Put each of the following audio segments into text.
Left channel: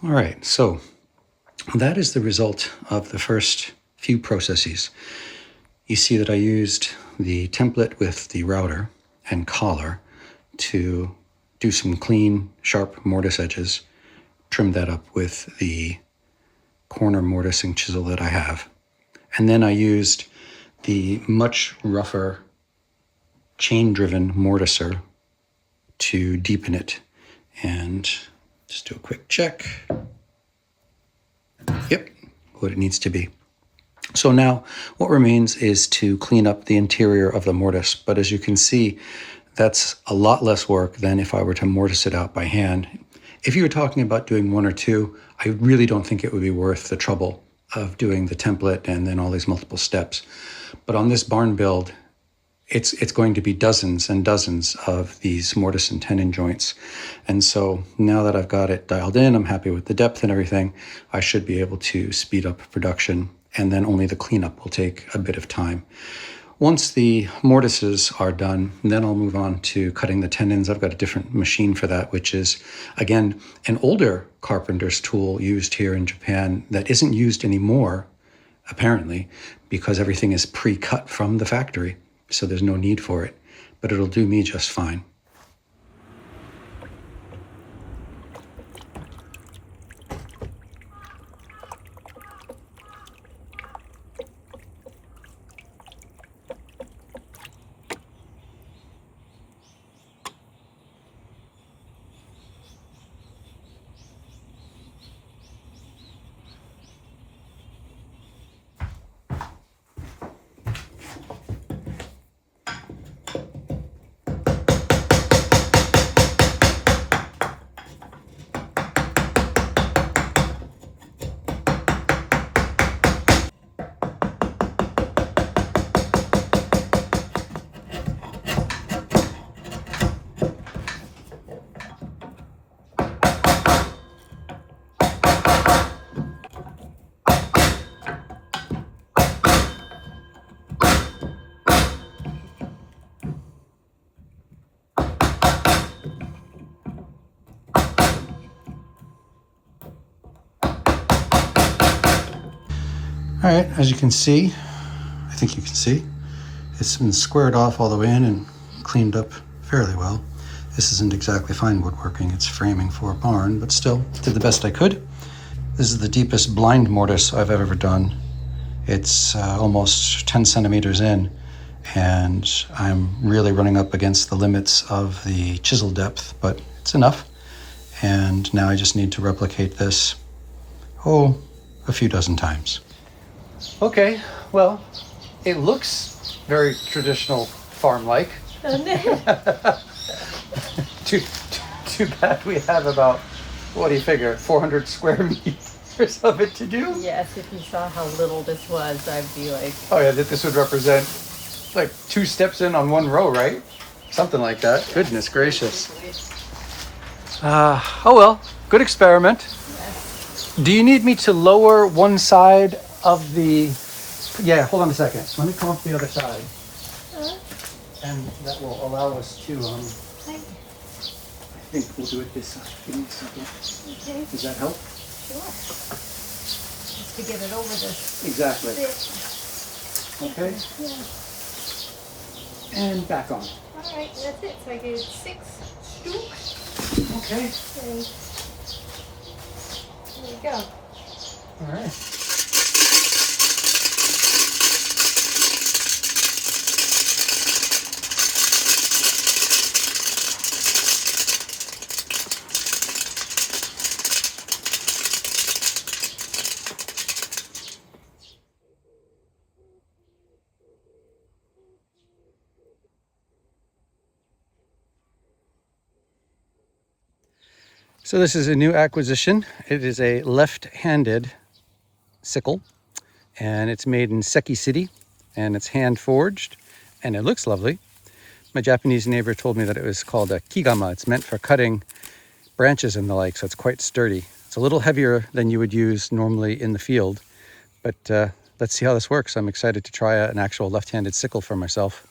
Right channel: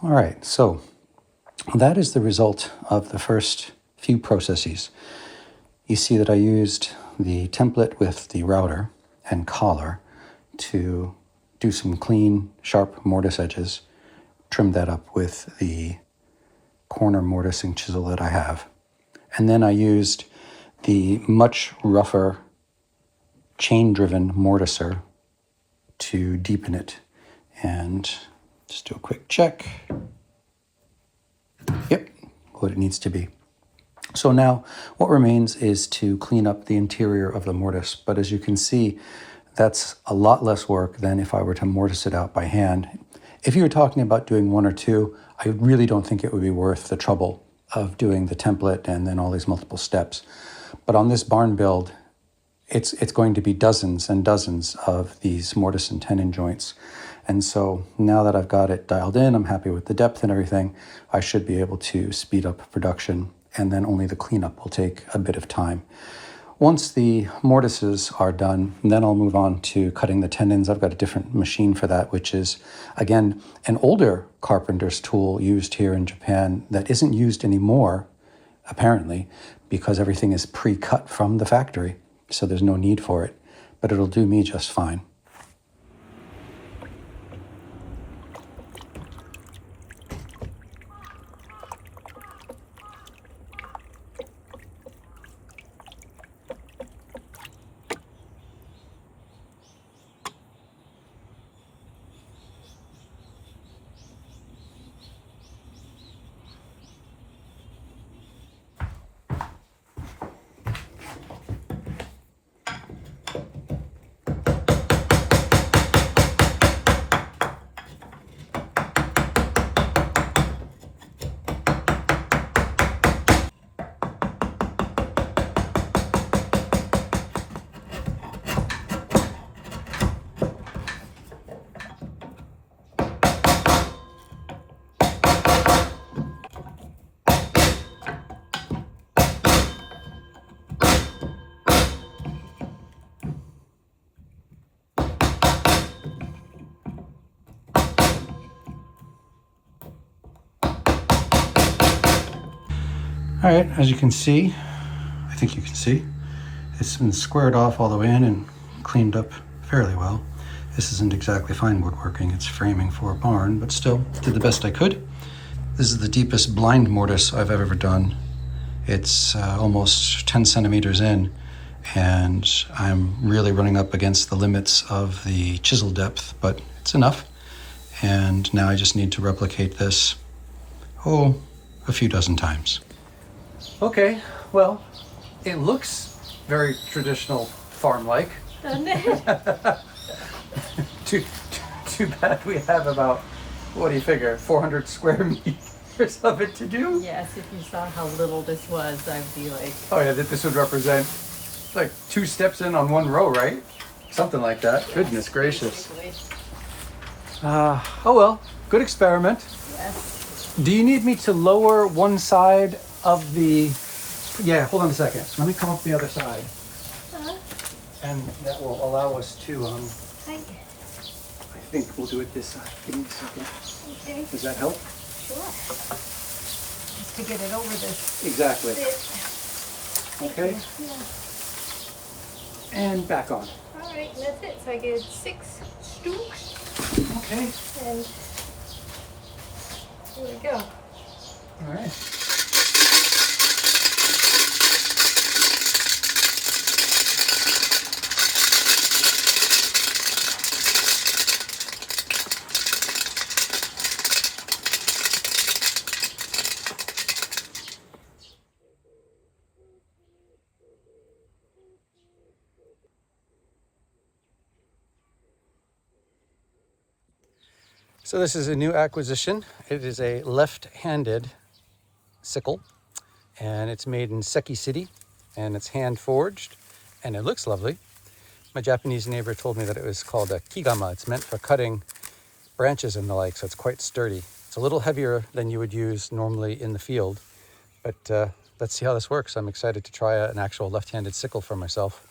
All right, so that is the result of the first few processes. You see that I used the template with the router and collar to do some clean, sharp mortise edges, trim that up with the corner mortising chisel that I have. And then I used the much rougher chain-driven mortiser to deepen it. And just do a quick check. Yep, what it needs to be. So now what remains is to clean up the interior of the mortise. But as you can see, that's a lot less work than if I were to mortise it out by hand. If you were talking about doing one or two, I really don't think it would be worth the trouble of doing the template and then all these multiple steps. But on this barn build, it's going to be dozens and dozens of these mortise and tenon joints. And so now that I've got it dialed in, I'm happy with the depth and everything, I should be able to speed up production, and then only the cleanup will take a bit of time. Once the mortises are done, then I'll move on to cutting the tenons. I've got a different machine for that, which is, again, an older carpenter's tool used here in Japan that isn't used anymore, apparently, because everything is pre-cut from the factory. So there's no need for it, but it'll do me just fine. All right, as you can see, I think you can see, it's been squared off all the way in and cleaned up fairly well. This isn't exactly fine woodworking, it's framing for a barn, but still did the best I could. This is the deepest blind mortise I've ever done. It's almost 10 centimeters in, and I'm really running up against the limits of the chisel depth, but it's enough. And now I just need to replicate this, a few dozen times. Okay, well, it looks very traditional farm-like. Too bad we have about, what do you figure, 400 square meters of it to do? Yes, if you saw how little this was, I'd be like... Oh yeah, that this would represent like 2 steps in on 1 row, right? Something like that. Yes. Goodness gracious. Oh well, good experiment. Yes. Do you need me to lower one side of the... Yeah, hold on a second. Let me come up the other side. And that will allow us to, I think we'll do it this side. Give me a second. Okay. Does that help? Sure. Just to get it over this. Exactly. Okay. Yeah. And back on. All right, that's it. So I get 6 stalks. Okay. And here we go. All right. So this is a new acquisition. It is a left-handed sickle, and it's made in Seki City, and it's hand forged, and it looks lovely. My Japanese neighbor told me that it was called a kigama. It's meant for cutting branches and the like, so it's quite sturdy. It's a little heavier than you would use normally in the field, but let's see how this works. I'm excited to try an actual left-handed sickle for myself.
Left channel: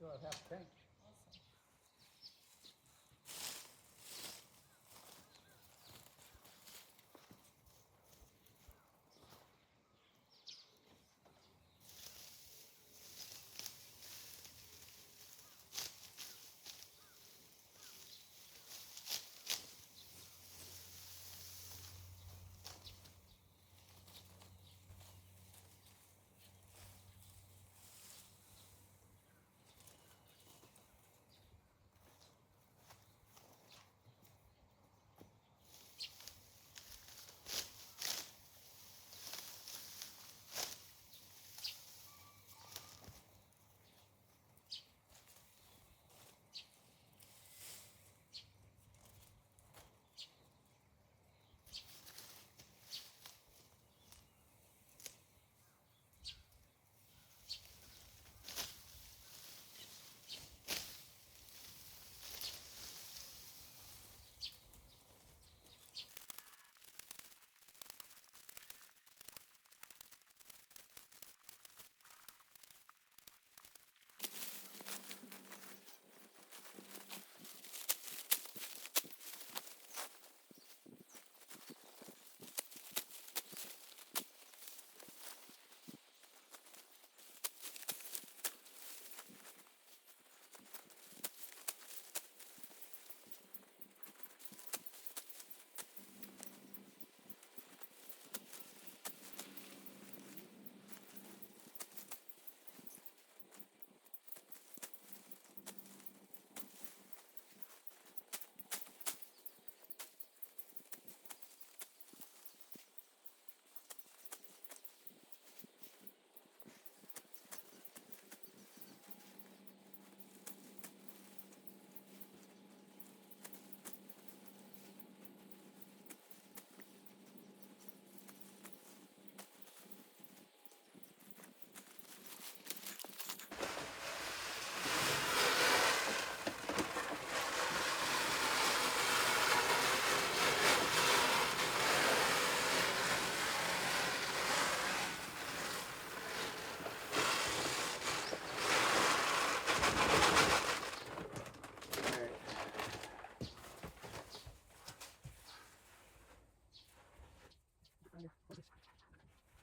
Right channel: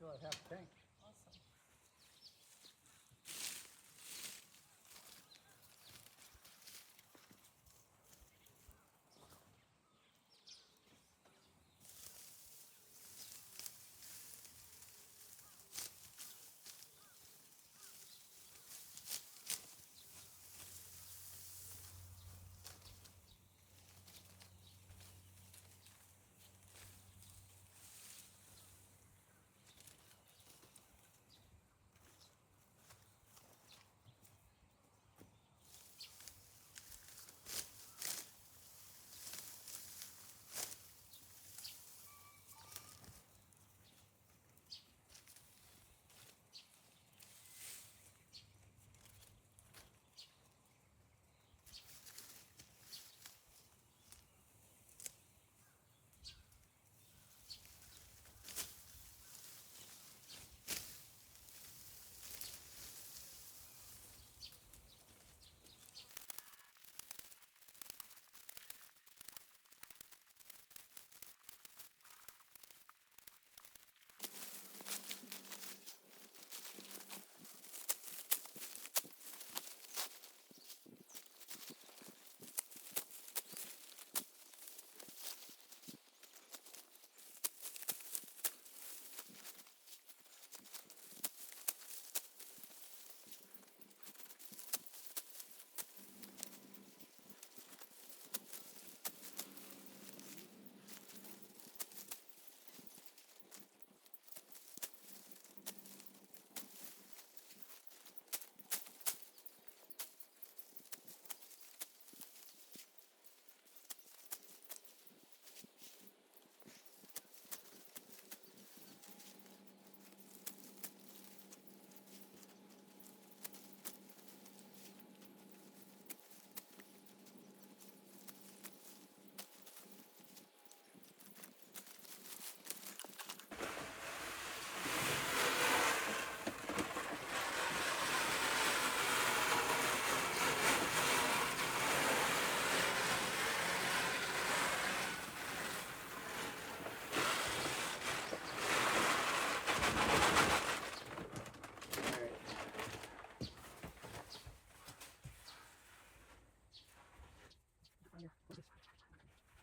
Still have half a tank.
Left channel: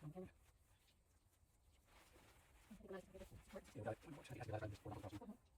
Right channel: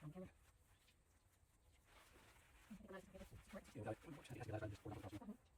Awesome. Alright.